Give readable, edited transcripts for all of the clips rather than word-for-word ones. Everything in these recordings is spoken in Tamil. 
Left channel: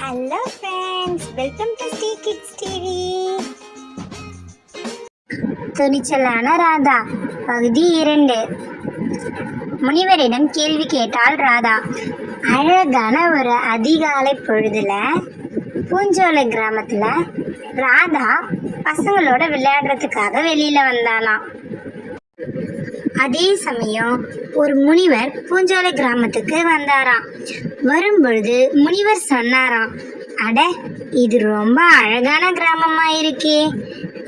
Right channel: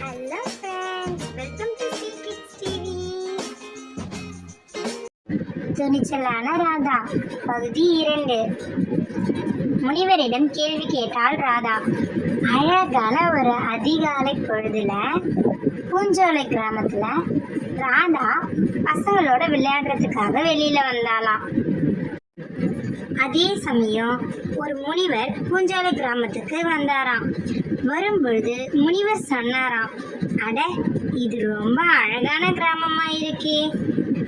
Hello friends, welcome to Sri kids TV. துணிச்சலான ராதா பகுதி 2. முனிவரிடம் கேள்வி கேட்டாள் ராதா. அழகான ஒரு அதிகாலை பொழுதுல பூஞ்சோலை கிராமத்துல ராதா பசங்களோட விளையாடுறதுக்காக வெளியில வந்தாளாம். அதே சமயம் ஒரு முனிவர் பூஞ்சோலை கிராமத்துக்கு வந்தாராம். வரும்பொழுது முனிவர் சொன்னாராம், அட, இது ரொம்ப அழகான கிராமமா இருக்கே,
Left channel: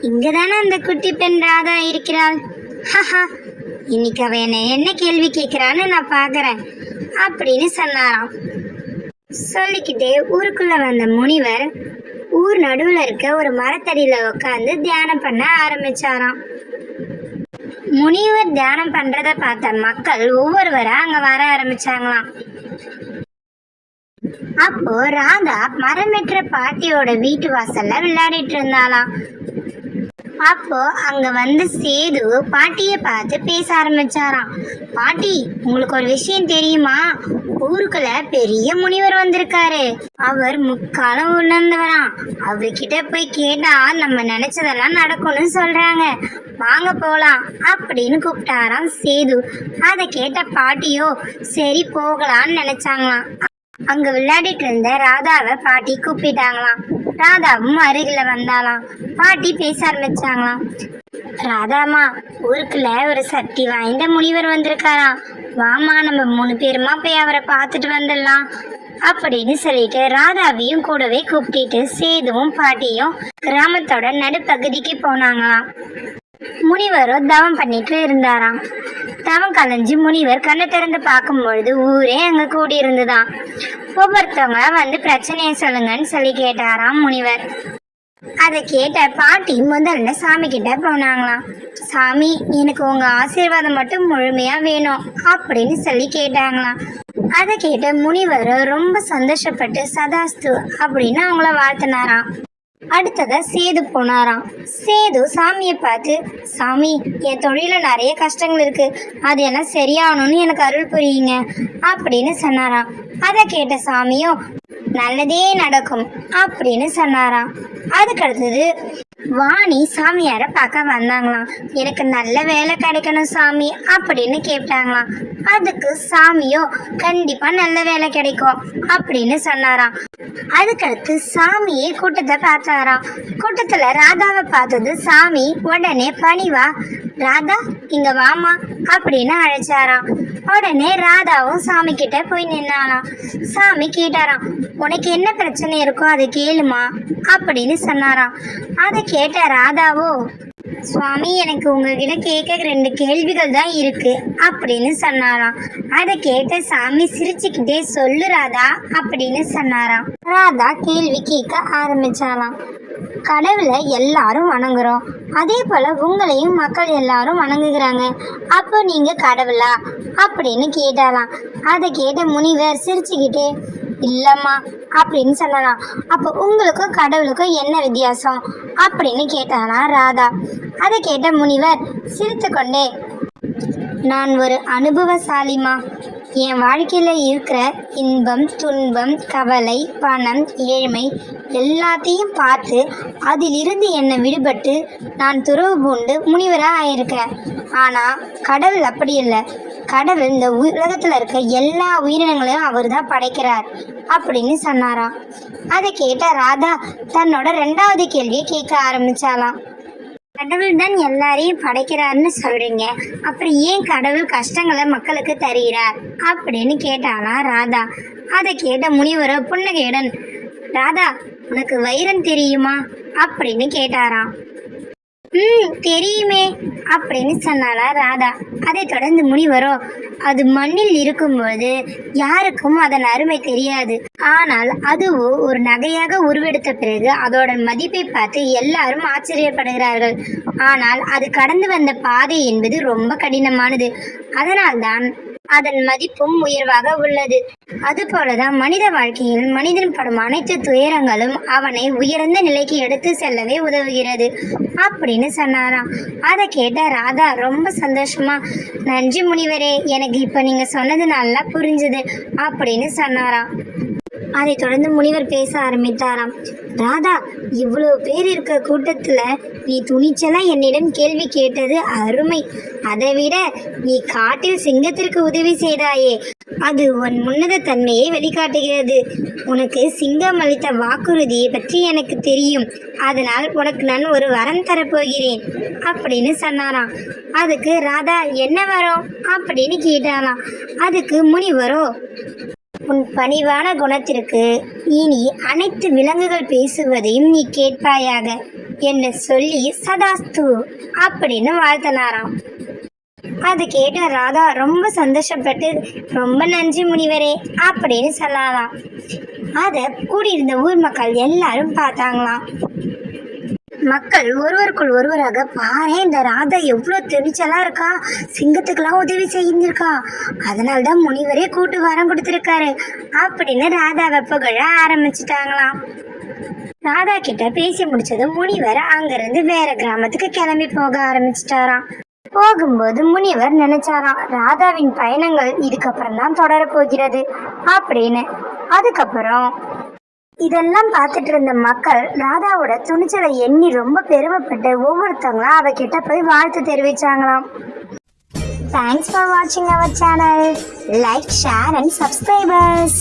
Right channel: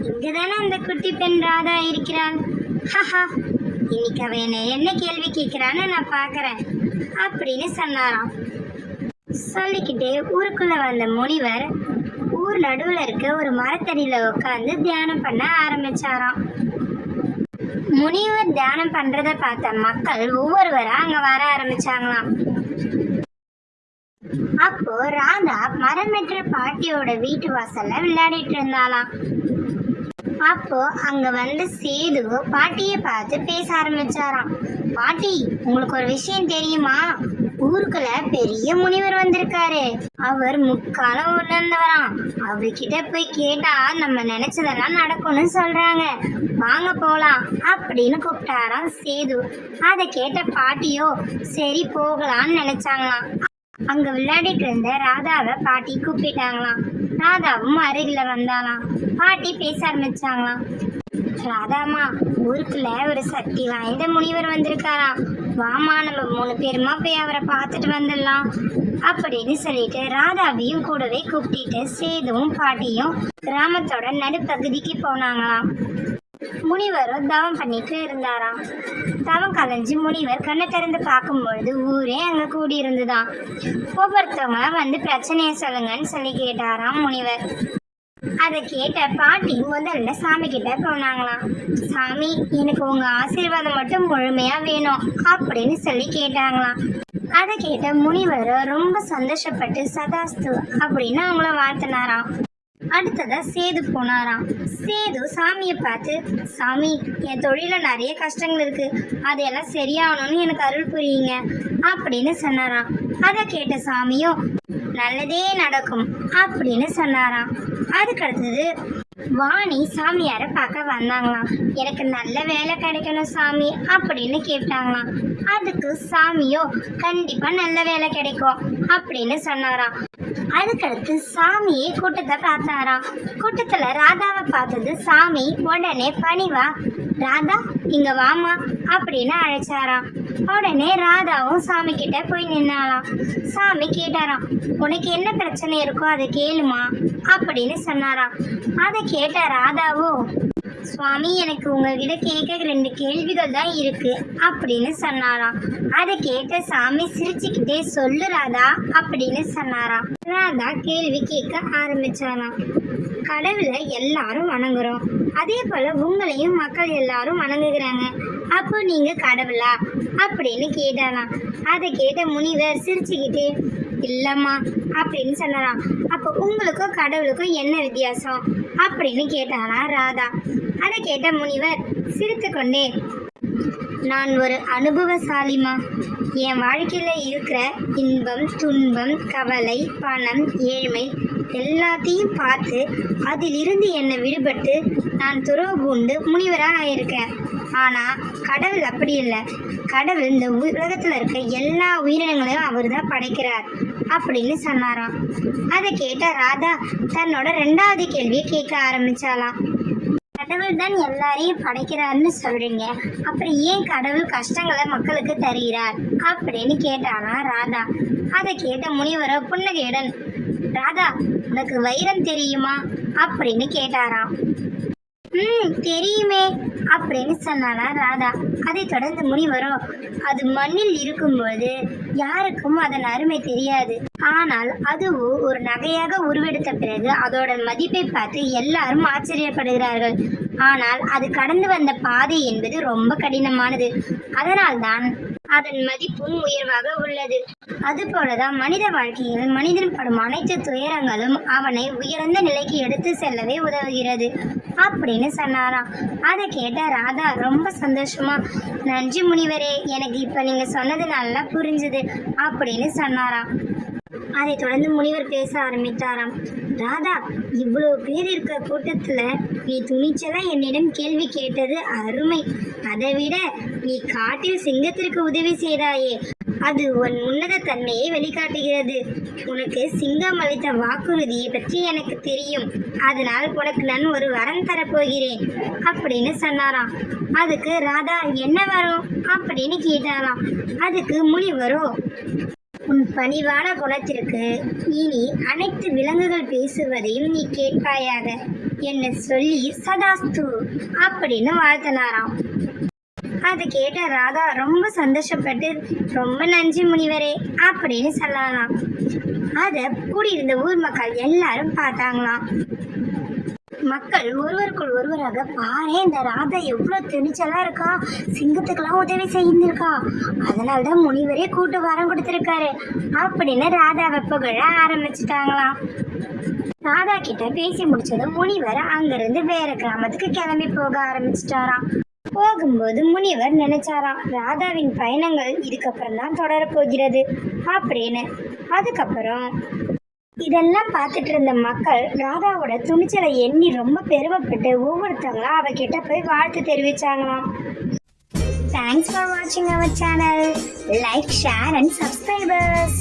இங்கதானே அந்த குட்டி பெண் ராதா இருக்கிறாள். ஹஹா, இன்னைக்கு அவ என்ன கேள்வி கேட்கிறான்னு நான் பாக்குறேன் அப்படின்னு சொன்னாராம். சொல்லிக்கிட்டே ஊருக்குள்ள வந்த முனிவர் ஊர் நடுவுல இருக்க ஒரு மரத்தடியில உட்காந்து தியானம் பண்ண ஆரம்பிச்சாராம். முனிவர் தியானம் பண்றத பார்த்த மக்கள் ஒவ்வொருவரா அங்க வர ஆரம்பிச்சாங்களாம். அப்போ ராதா மரமேற்ற பாட்டியோட வீட்டு வாசல்ல விளையாடிட்டு இருந்தாளாம். அப்போ அங்க வந்து சேது பாட்டிய பார்த்து பேச ஆரம்பிச்சாராம். பாட்டி, உங்களுக்கு ஒரு விஷயம் தெரியுமா? ஊருக்குள்ள பெரிய முனிவர் வந்திருக்காரு. அவர் முக்காலம் உணர்ந்தவராம். அவர்கிட்ட போய் கேட்டா நம்ம நினைச்சதெல்லாம் நடக்கும்னு சொல்றாங்க. வாங்க போலாம் அப்படின்னு கூப்பிட்டாராம் சேது. அதை கேட்ட பாட்டியோ சரி போகலான்னு நினைச்சாங்களாம். அங்க விளையாடிட்டு இருந்த ராதாவை பாட்டி கூப்பிட்டாங்களாம். ராதாவும் அருகில வந்தாலாம். பாட்டி பேச ஆரம்பிச்சாங்களாம். ராதாமா, ஊருக்குள்ள ஒரு சக்தி வாய்ந்த முனிவர் வந்திருக்காராம். வாமா, நம்ம 3 பேருமா போய் அவரை பார்த்துட்டு வந்துடலாம் அப்படின்னு சொல்லிட்டு ராதாவையும் கூடவே கூப்பிட்டு சேதுவும் பாட்டியும் கிராமத்தோட நடுப்பகுதிக்கு போனாங்களாம். முனிவரும் தவம் பண்ணிட்டு இருந்தாராம். தவம் கலைஞ்சு முனிவர் கண்ணை திறந்து பார்க்கும் பொழுது ஊரே அங்க கூடி இருந்துதான். ஒவ்வொருத்தவங்க வந்து பிரச்சனையை சொல்லுங்கன்னு சொல்லி கேட்டாராம் முனிவர். அதை கேட்ட பாட்டி முதல்ல சாமி கிட்ட போனாங்களாம். சாமி, எனக்கு உங்க ஆசீர்வாதம் மட்டும் முழுமையா வேணும் அப்படின்னு சொல்லி கேட்டாங்களாம். அதை கேட்ட முனிவர் ரொம்ப சந்தோஷப்பட்டு சதாஸ்து அப்படின்னு அவங்கள வாழ்த்தினாராம். அடுத்தத சேது போனாராம். சேது சாமியை பார்த்து, சாமி, என் தொழில நிறைய கஷ்டங்கள் இருக்கு, அது எல்லாம் சரியாகணும்னு எனக்கு அருள் புரியுங்க அப்படின்னு சொன்னாராம். அதை கேட்ட சாமியும் நல்லதே நடக்கும் அப்படின்னு சொன்னாராம். அதுக்கு அடுத்தது வாணி சாமியார பார்க்க வந்தாங்களாம். எனக்கு நல்ல வேலை கிடைக்கணும் சாமி அப்படின்னு கேட்டாங்களாம். அதுக்கு சாமியோ கண்டிப்பா நல்ல வேலை கிடைக்கும் அப்படின்னு சொன்னாராம். அதுக்கடுத்து சாமியே கூட்டத்தை பார்த்தாராம். கூட்டத்துல ராதாவை பார்த்தது சாமி உடனே பணிவா, ராதா இங்க வாமா அப்படின்னு அழைச்சாராம். உடனே ராதாவும் சாமி கிட்ட போய் நின்னாலாம். சாமி கேட்டாராம், உனக்கு என்ன பிரச்சனை இருக்கோ அதை கேளுமா அப்படின்னு சொன்னாராம். அதை கேட்ட ராதாவோ, சுவாமி, எனக்கு உங்ககிட்ட கேட்க 2 கேள்விகள் தான் இருக்கு அப்படின்னு சொன்னாராம். அதை கேட்ட சாமி சிரிச்சுக்கிட்டே சொல்லு ராதா அப்படின்னு சொன்னாராம். ராதா கேள்வி கேட்க ஆரம்பிச்சாராம். கடவுளை எல்லாரும் வணங்குறோம், அதே போல உங்களையும் மக்கள் எல்லாரும் வணங்குகிறாங்க, அப்போ நீங்க கடவுளா அப்படின்னு கேட்டாராம். அதை கேட்ட முனிவர் சிரிச்சுக்கிட்டே இல்லம்மா அப்படின்னு சொல்லலாம். அப்போ உங்களுக்கும் கடவுளுக்கும் என்ன வித்தியாசம் அப்படின்னு கேட்டாலாம் ராதா. அதை கேட்ட முனிவர் சிரித்து கொண்டே, நான் ஒரு அனுபவசாலிமா, என் வாழ்க்கையில இருக்கிற இன்பம் துன்பம் கவலை பணம் ஏழ்மை எல்லாத்தையும் பார்த்து அதிலிருந்து என்னை விடுபட்டு நான் துறவு பூண்டு முனிவராக ஆயிருக்கேன். ஆனால் கடவுள் அப்படி இல்லை. கடவுள் இந்த உலகத்தில் இருக்க எல்லா உயிரினங்களையும் அவர் தான் படைக்கிறார் அப்படின்னு சொன்னாராம். அதை கேட்ட ராதா தன்னோட 2வது கேள்வியை கேட்க ஆரம்பிச்சாலாம். கடவுள் தான் எல்லாரையும் படைக்கிறார்னு சொல்றீங்க, அப்புறம் ஏன் கடவுள் கஷ்டங்களை மக்களுக்கு தருகிறார் அப்படின்னு கேட்டாலாம் ராதா. அதை கேட்ட முனிவரோ புன்னகையுடன், ராதா, உனக்கு வைரம் தெரியுமா அப்படின்னு கேட்டாராம். தெரியுமே அப்படின்னு சொன்னாலா ராதா. அதை தொடர்ந்து முனிவரோ, அது மண்ணில் இருக்கும்போது யாருக்கும் அதன் அருமை தெரியாது, ஆனால் அதுவோ ஒரு நகையாக உருவெடுத்த பிறகு அதோட மதிப்பை பார்த்து எல்லாரும் ஆச்சரியப்படுகிறார்கள். ஆனால் அது கடந்து வந்த பாதை என்பது ரொம்ப கடினமானது, அதனால்தான் அதன் மதிப்பும் உயர்வாக உள்ளது. அதுபோலதான் மனித வாழ்க்கையில் மனிதன் படும் அனைத்து துயரங்களும் அவனை உயர்ந்த நிலைக்கு எடுத்து செல்லவே உதவுகிறது அப்படின்னு சொன்னாராம். அதை கேட்ட ராதா ரொம்ப சந்தோஷமா, நன்றி முனிவரே, எனக்கு இப்ப நீங்க சொன்னது நல்லா புரிஞ்சுது அப்படின்னு சொன்னாராம். அதை தொடர்ந்து முனிவர் பேச ஆரம்பித்தாராம். ராதா, இவ்வளவு பேர் இருக்க கூட்டத்துல நீ துணிச்சலா என்னிடம் கேள்வி கேட்டது அருமை. அதை விட நீ காட்டில் சிங்கத்திற்கு உதவி செய்தாயே, அது உன் உன்னத தன்மையை வெளிக்காட்டுகிறது. உனக்கு சிங்கம் அளித்த வாக்குறுதியை பற்றி எனக்கு தெரியும். அதனால் உனக்கு நான் ஒரு வரம் தரப்போகிறேன் அப்படின்னு சொன்னாராம். அதுக்கு ராதா என்ன வரும் அப்படின்னு கேட்டாராம். அதுக்கு முனிவரோ, உன் பணிவான குணத்திற்கு இனி அனைத்து விலங்குகள் பேசுவதையும் நீ கேட்பாயாக என்ன சொல்லி சதாஸ்து அப்படின்னு வாழ்த்தினாராம். அது கேட்ட ராதா ரொம்ப சந்தோஷப்பட்டு, ரொம்ப நன்றி முனிவரே அப்படின்னு சொல்லலாம். அதை கூடியிருந்த ஊர் மக்கள் எல்லாரும் பார்த்தாங்களாம். மக்கள் ஒருவருக்குள் ஒருவராக, பாரு இந்த ராதா எவ்வளவு துணிச்சலா இருக்கா, சிங்கத்துக்கெல்லாம் உதவி செய்திருக்கா, அதனால்தான் முனிவரே கூட்டு வரம் கொடுத்திருக்காரு அப்படின்னு ராதாவை புகழ ஆரம்பிச்சுட்டாங்களாம். ராதா கிட்ட பேசி முடிச்சதும் முனிவர் அங்கிருந்து வேற கிராமத்துக்கு கிளம்பி போக ஆரம்பிச்சிட்டாராம். போகும்போது முனிவர் நினைச்சாராம், ராதாவின் பயணங்கள் இதுக்கப்புறம் தான் தொடரப்போகிறது அப்படின்னு. அதுக்கப்புறம் இதெல்லாம் பார்த்துட்டு இருந்த மக்கள் ராதாவோட துணிச்சலை எண்ணி ரொம்ப பெருமைப்பட்டு ஒவ்வொருத்தவங்களும் அவகிட்ட போய் வாழ்த்து தெரிவிச்சாங்களாம். தேங்க்ஸ் ஃபார் வாட்சிங் our channel. Like, share and subscribers.